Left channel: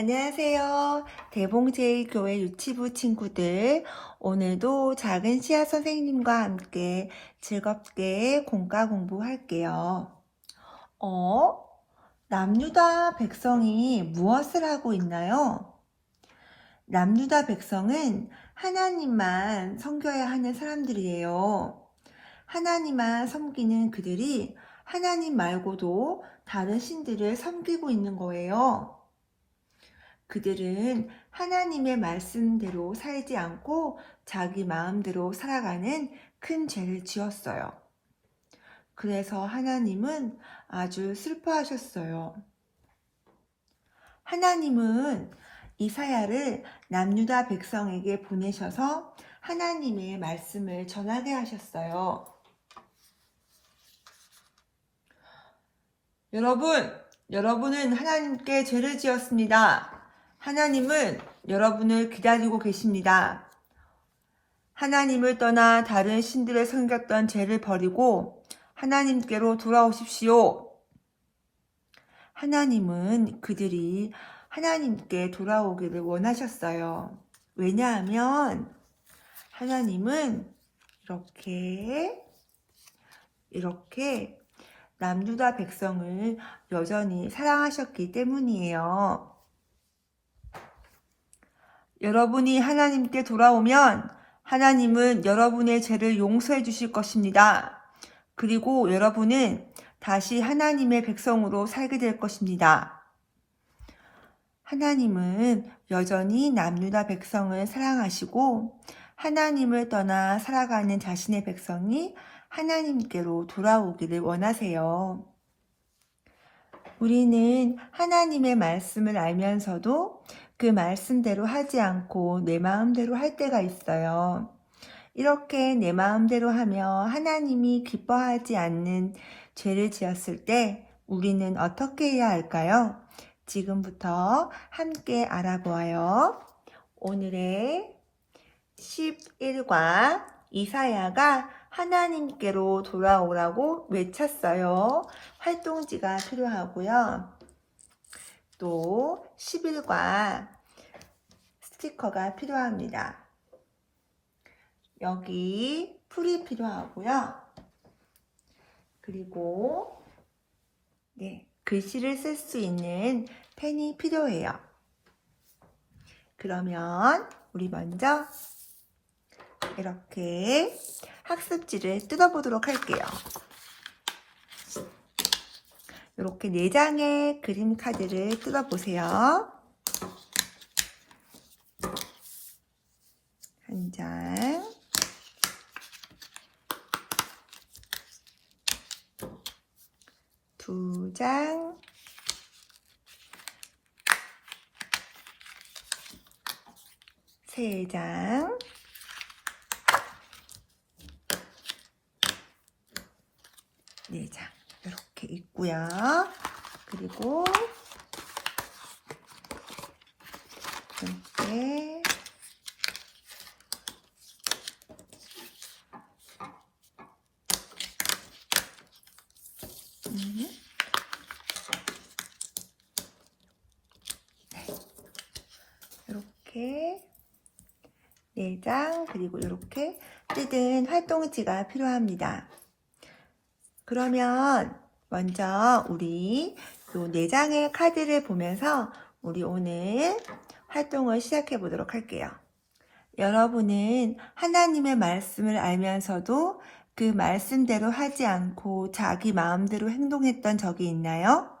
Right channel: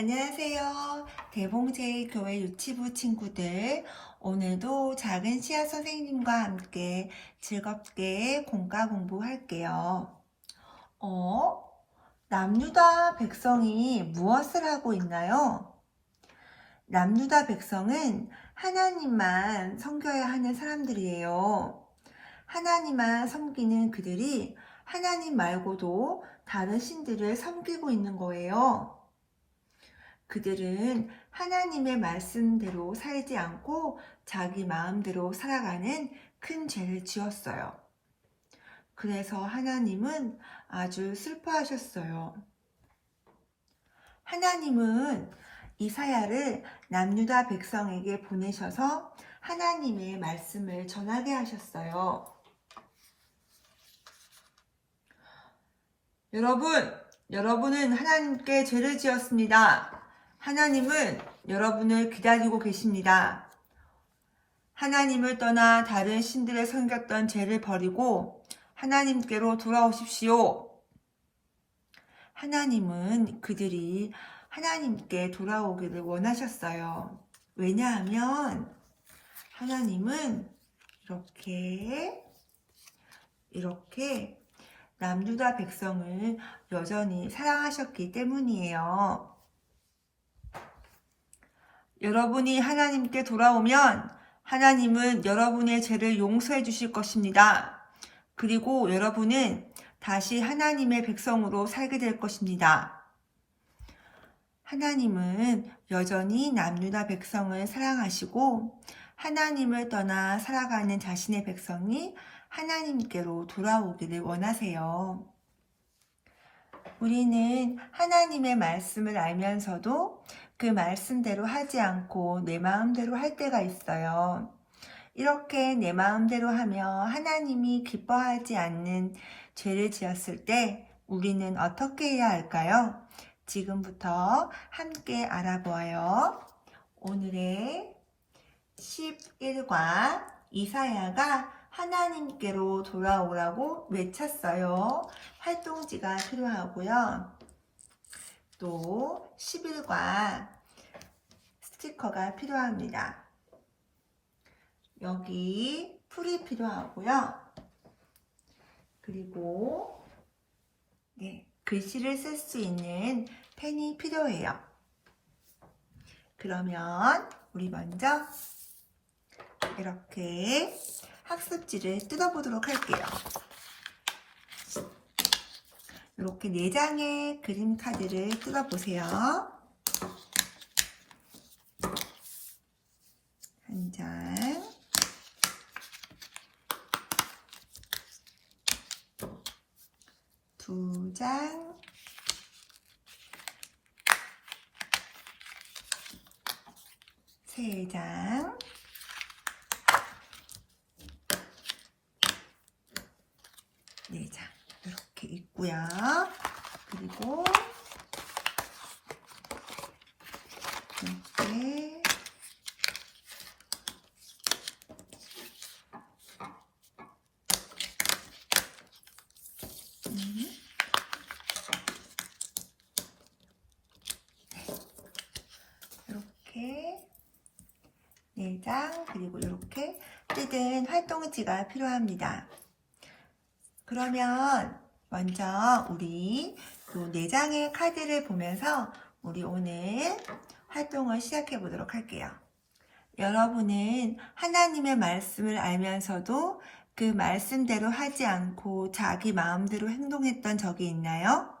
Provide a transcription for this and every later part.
안녕하세요. 대봉제일교회 유치부 친구들. 오늘도 작은 씨앗 선생님과 함께 즐겁게 공과 공부할게요. 남유다 백성이 무엇을 하고 있나요? 남유다 백성은 하나님만 섬겨야 하는 사람들이에요. 하나님만 섬기는 그들이 하나님 말고도 다른 신들을 섬기고 있는 거예요. 그들은 하나님의 말씀대로 살지 않고 자기 마음대로 살아가는 큰 죄를 지었어요. 그래서 하나님은 아주 슬퍼하셨어요. 하나님은 이사야를 남유다 백성에게 보내셔서 하나님의 말씀을 전하게 하셨어요. 여러분은 하나님께 죄를 지었습니다. 하나님은 여러분을 기다리고 계십니다. 하나님을 떠나 다른 신들을 섬겼던 죄를 버리고 하나님께로 돌아오십시오. 하나님은 그들이 하나님께 돌아오기를 원하셨어요. 왜냐하면 하나님은 이렇게 남유다 백성을 여전히 사랑하셨기 때문이에요. 여러분이 하나님께 돌아오면 하나님은 여러분의 죄를 용서해 주실 것입니다. 그리고 여러분은 다시 하나님의 백성으로 살게 될 것입니다. 하나님은 여전히 남유다 백성을 사랑하시고 하나님을 떠나 살아가는 자신의 백성이 하나님께로 돌아오기를 원하세요. 우리는 하나님의 말씀을 알면서도 그 말씀대로 하지 않고 내 마음대로 할 때가 있어요. 이렇게 내 마음대로 하며 하나님이 기뻐하지 않는 죄를 지었을 때 우리는 어떻게 해야 할까요? 지금부터 함께 알아보아요. 오늘의 11과 이사야가 하나님께로 돌아오라고 외쳤어요. 활동지가 필요하고요. 또 11과 스티커가 필요합니다. 여기 풀이 필요하고요. 그리고 글씨를 쓸 수 있는 펜이 필요해요. 그러면 우리 먼저 이렇게 학습지를 뜯어보도록 할게요. 이렇게 4장의 그림 카드를 뜯어보세요. 한 장, 두 장, 세 장, 네 장. 이렇게 있고요. 그리고 이렇게 이렇게 4장 그리고 이렇게 뜯은 활동지가 필요합니다. 그러면 먼저 우리 이 4장의 카드를 보면서 우리 오늘 활동을 시작해 보도록 할게요. 여러분은 하나님의 말씀을 알면서도 그 말씀대로 하지 않고 자기 마음대로 행동했던 적이 있나요?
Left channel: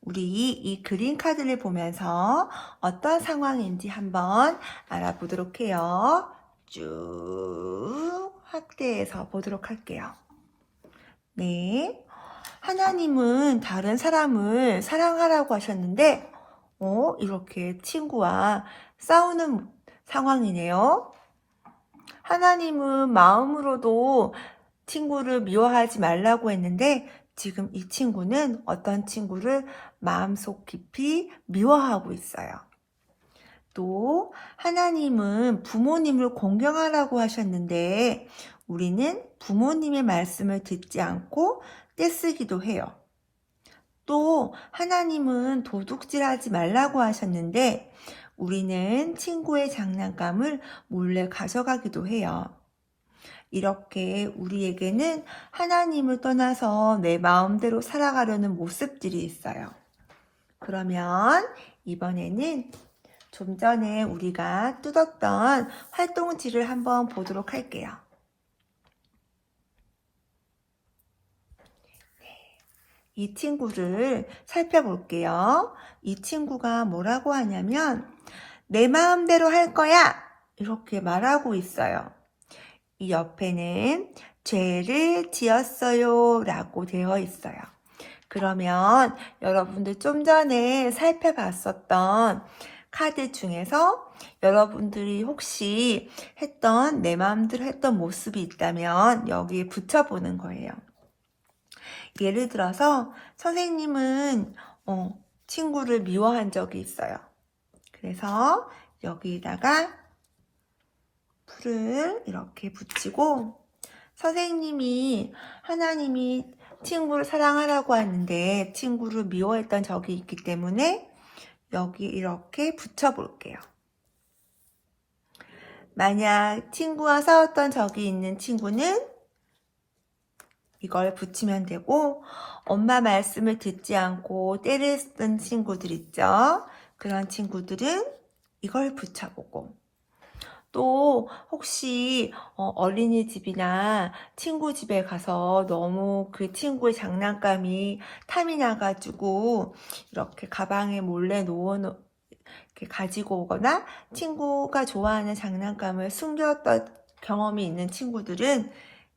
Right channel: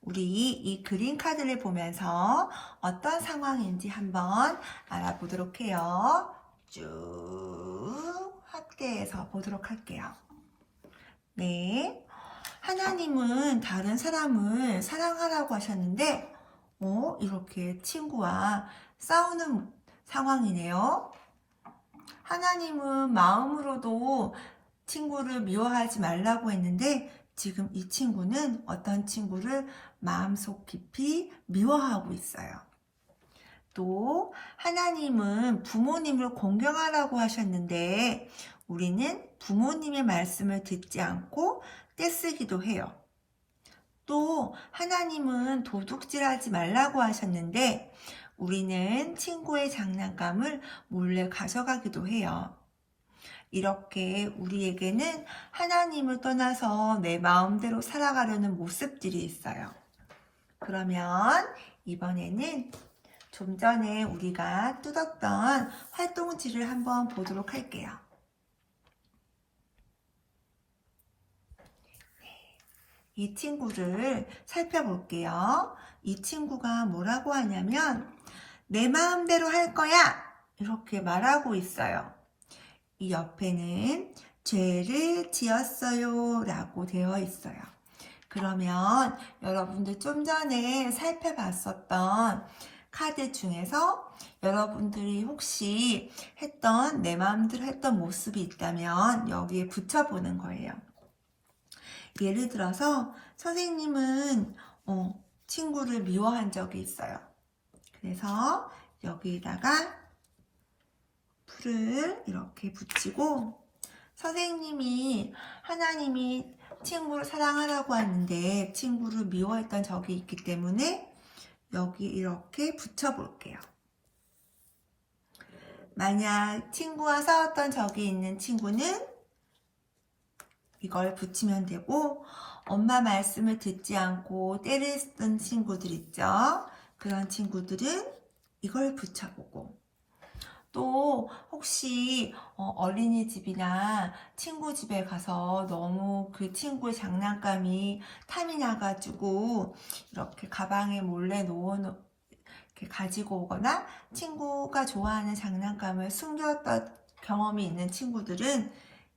우리 이 그림 카드를 보면서 어떤 상황인지 한번 알아보도록 해요. 쭉 확대해서 보도록 할게요. 네, 하나님은 다른 사람을 사랑하라고 하셨는데 이렇게 친구와 싸우는 상황이네요. 하나님은 마음으로도 친구를 미워하지 말라고 했는데 지금 이 친구는 어떤 친구를 마음속 깊이 미워하고 있어요. 또 하나님은 부모님을 공경하라고 하셨는데 우리는 부모님의 말씀을 듣지 않고 떼쓰기도 해요. 또 하나님은 도둑질하지 말라고 하셨는데 우리는 친구의 장난감을 몰래 가져가기도 해요. 이렇게 우리에게는 하나님을 떠나서 내 마음대로 살아가려는 모습들이 있어요. 그러면 이번에는 좀 전에 우리가 뜯었던 활동지를 한번 보도록 할게요. 이 친구를 살펴볼게요. 이 친구가 뭐라고 하냐면 내 마음대로 할 거야 이렇게 말하고 있어요. 이 옆에는 죄를 지었어요 라고 되어 있어요. 그러면 여러분들 좀 전에 살펴봤었던 카드 중에서 여러분들이 혹시 했던 내 마음대로 했던 모습이 있다면 여기에 붙여보는 거예요. 예를 들어서 선생님은 친구를 미워한 적이 있어요. 그래서 여기에다가 풀을 이렇게 붙이고 선생님이 하나님이 친구를 사랑하라고 하는데 친구를 미워했던 적이 있기 때문에 여기 이렇게 붙여볼게요. 만약 친구와 싸웠던 적이 있는 친구는 이걸 붙이면 되고 엄마 말씀을 듣지 않고 때를 쓰던 친구들 있죠? 그런 친구들은 이걸 붙여보고 또 혹시 어린이집이나 친구 집에 가서 너무 그 친구의 장난감이 탐이 나가지고 이렇게 가방에 몰래 이렇게 가지고 오거나 친구가 좋아하는 장난감을 숨겼던 경험이 있는 친구들은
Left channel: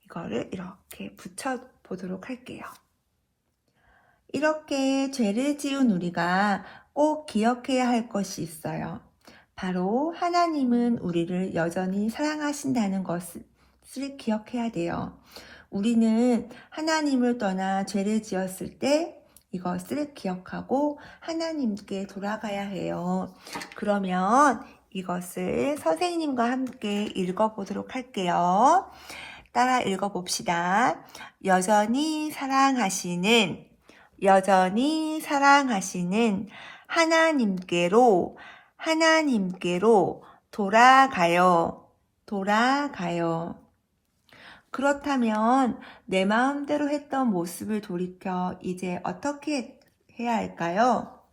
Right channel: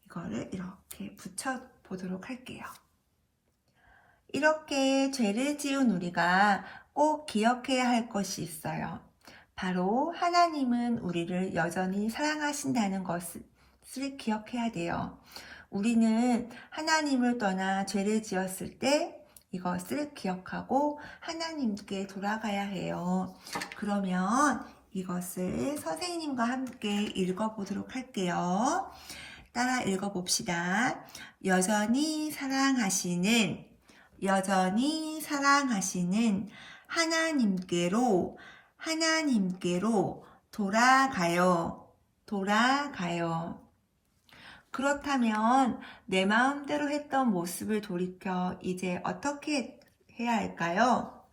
이거를 이렇게 붙여보도록 할게요. 이렇게 죄를 지은 우리가 꼭 기억해야 할 것이 있어요. 바로 하나님은 우리를 여전히 사랑하신다는 것을 기억해야 돼요. 우리는 하나님을 떠나 죄를 지었을 때 이것을 기억하고 하나님께 돌아가야 해요. 그러면 이것을 선생님과 함께 읽어보도록 할게요. 따라 읽어봅시다. 여전히 사랑하시는 하나님께로 돌아가요. 그렇다면 내 마음대로 했던 모습을 돌이켜 이제 어떻게 해야 할까요?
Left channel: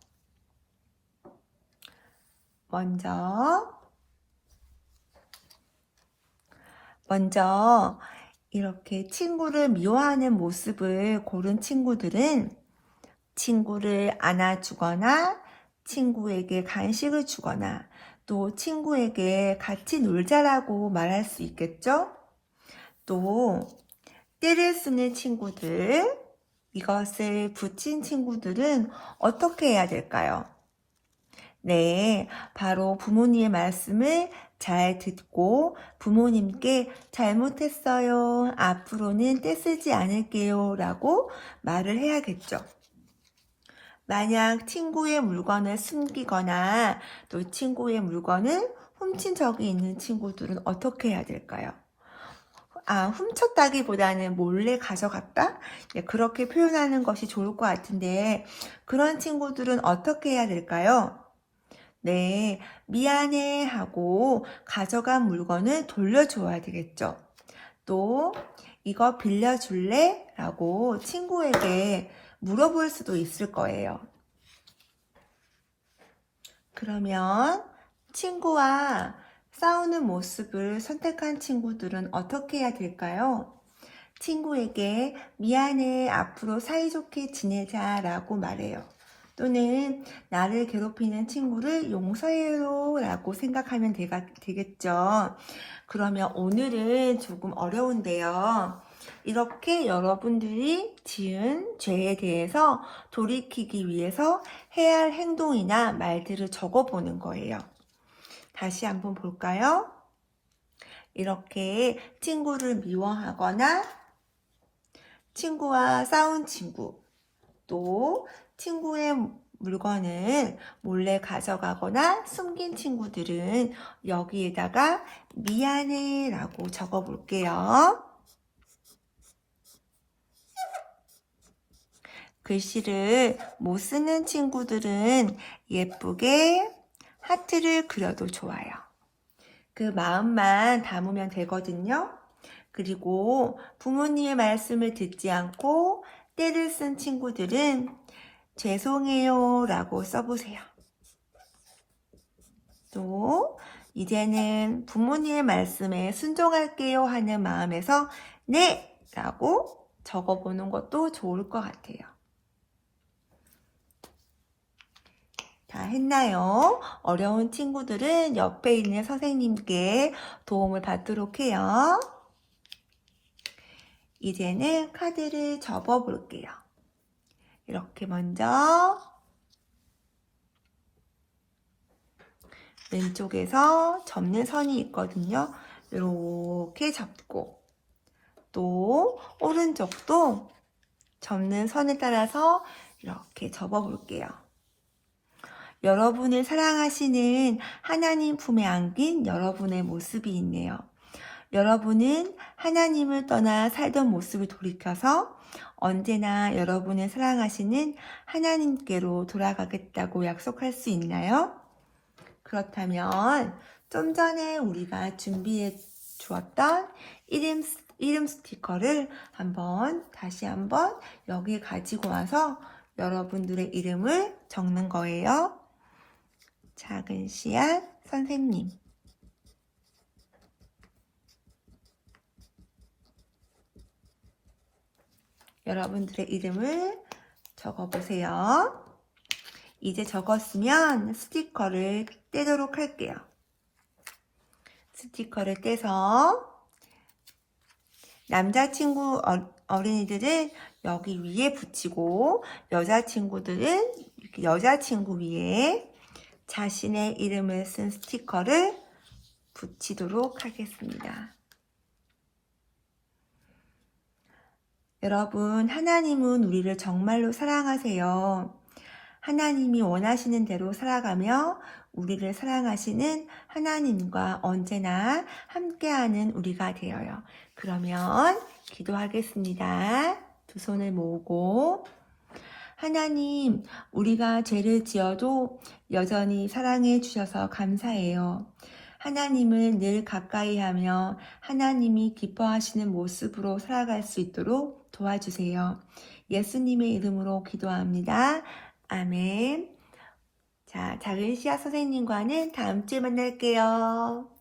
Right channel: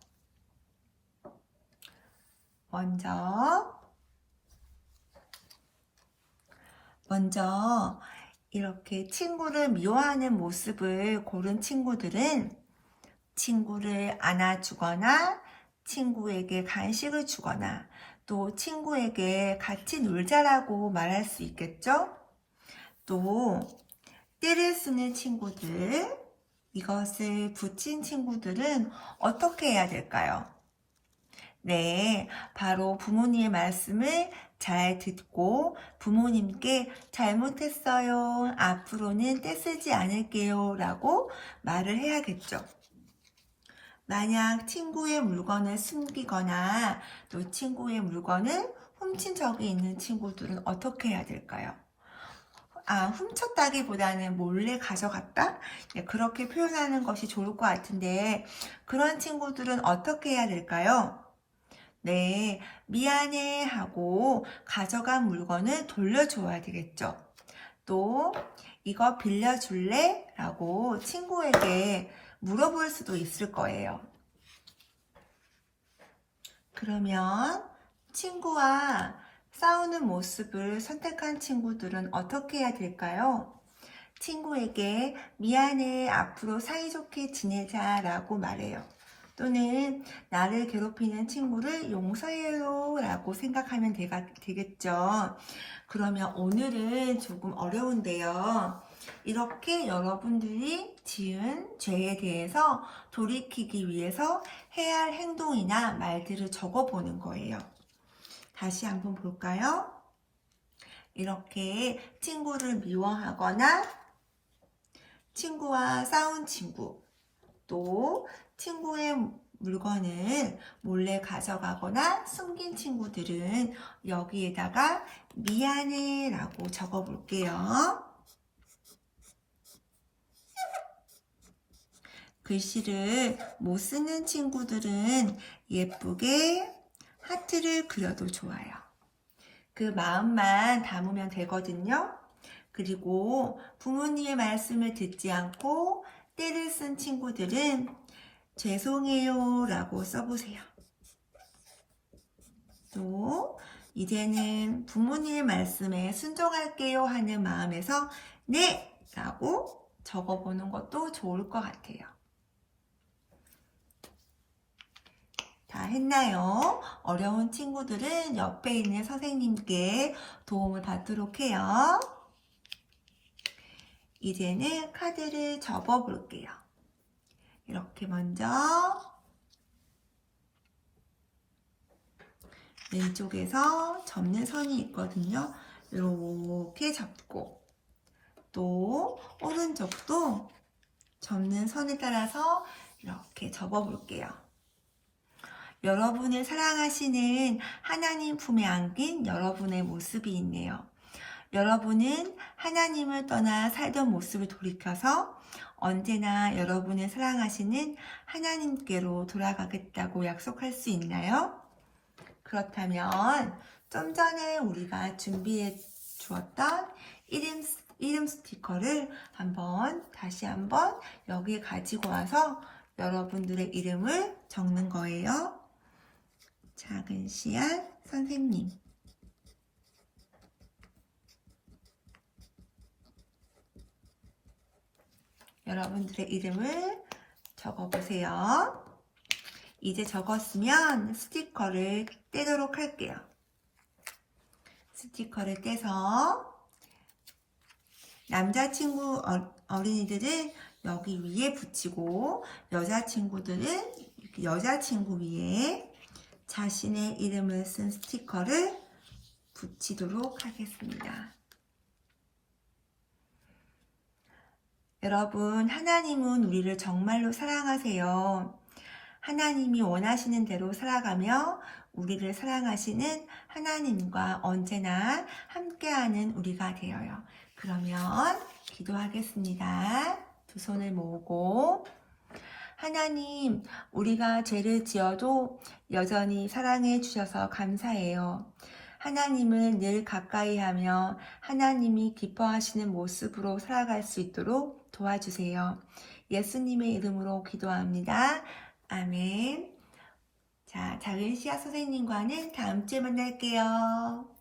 먼저 이렇게 친구를 미워하는 모습을 고른 친구들은 친구를 안아주거나 친구에게 간식을 주거나 또 친구에게 같이 놀자라고 말할 수 있겠죠? 또 때를 쓰는 친구들, 이것을 붙인 친구들은 어떻게 해야 될까요? 네, 바로 부모님의 말씀을 잘 듣고 부모님께 잘못했어요. 앞으로는 떼쓰지 않을게요. 라고 말을 해야겠죠. 만약 친구의 물건을 숨기거나 또 친구의 물건을 훔친 적이 있는 친구들은 어떻게 해야 될까요? 훔쳤다기보다는 몰래 가져갔다? 네, 그렇게 표현하는 것이 좋을 것 같은데 그런 친구들은 어떻게 해야 될까요? 네, 미안해 하고 가져간 물건을 돌려줘야 되겠죠. 또 이거 빌려줄래? 라고 친구에게 물어볼 수도 있을 거예요. 그러면 친구와 싸우는 모습을 선택한 친구들은 어떻게 해야 될까요? 친구에게 미안해, 앞으로 사이좋게 지내자 라고 말해요. 또는 나를 괴롭히는 친구를 용서해요 라고 생각하면 되겠죠. 그러면 오늘은 조금 어려운데요. 이렇게 여러분들이 지은 죄에 대해서 돌이키기 위해서 해야 할 행동이나 말들을 적어보는 거예요. 다시 한번 볼까요? 이렇게 친구를 미워하거나 친구와 싸운 친구, 또 친구의 물건을 몰래 가져가거나 숨긴 친구들은 여기에다가 미안해 라고 적어볼게요. 글씨를 못 쓰는 친구들은 예쁘게 하트를 그려도 좋아요. 그 마음만 담으면 되거든요. 그리고 부모님의 말씀을 듣지 않고 떼를 쓴 친구들은 죄송해요 라고 써보세요. 또 이제는 부모님의 말씀에 순종할게요 하는 마음에서 네! 라고 적어보는 것도 좋을 것 같아요. 다 했나요? 어려운 친구들은 옆에 있는 선생님께 도움을 받도록 해요. 이제는 카드를 접어 볼게요. 이렇게 먼저 왼쪽에서 접는 선이 있거든요. 이렇게 접고 또 오른쪽도 접는 선에 따라서 이렇게 접어 볼게요. 여러분을 사랑하시는 하나님 품에 안긴 여러분의 모습이 있네요. 여러분은 하나님을 떠나 살던 모습을 돌이켜서 언제나 여러분을 사랑하시는 하나님께로 돌아가겠다고 약속할 수 있나요? 그렇다면 좀 전에 우리가 준비해 주었던 이름 스티커를 다시 한번 여기에 가지고 와서 여러분들의 이름을 적는 거예요. 작은 씨앗 선생님. 여러분들의 이름을 적어보세요. 이제 적었으면 스티커를 떼도록 할게요. 스티커를 떼서 남자친구 어린이들은 여기 위에 붙이고 여자친구들은 이렇게 여자친구 위에 자신의 이름을 쓴 스티커를 붙이도록 하겠습니다. 여러분, 하나님은 우리를 정말로 사랑하세요. 하나님이 원하시는 대로 살아가며 우리를 사랑하시는 하나님과 언제나 함께하는 우리가 되어요. 그러면 기도하겠습니다. 두 손을 모으고 하나님, 우리가 죄를 지어도 여전히 사랑해 주셔서 감사해요. 하나님을 늘 가까이 하며 하나님이 기뻐하시는 모습으로 살아갈 수 있도록 도와주세요. 예수님의 이름으로 기도합니다. 아멘. 자, 작은 씨앗 선생님과는 다음 주에 만날게요.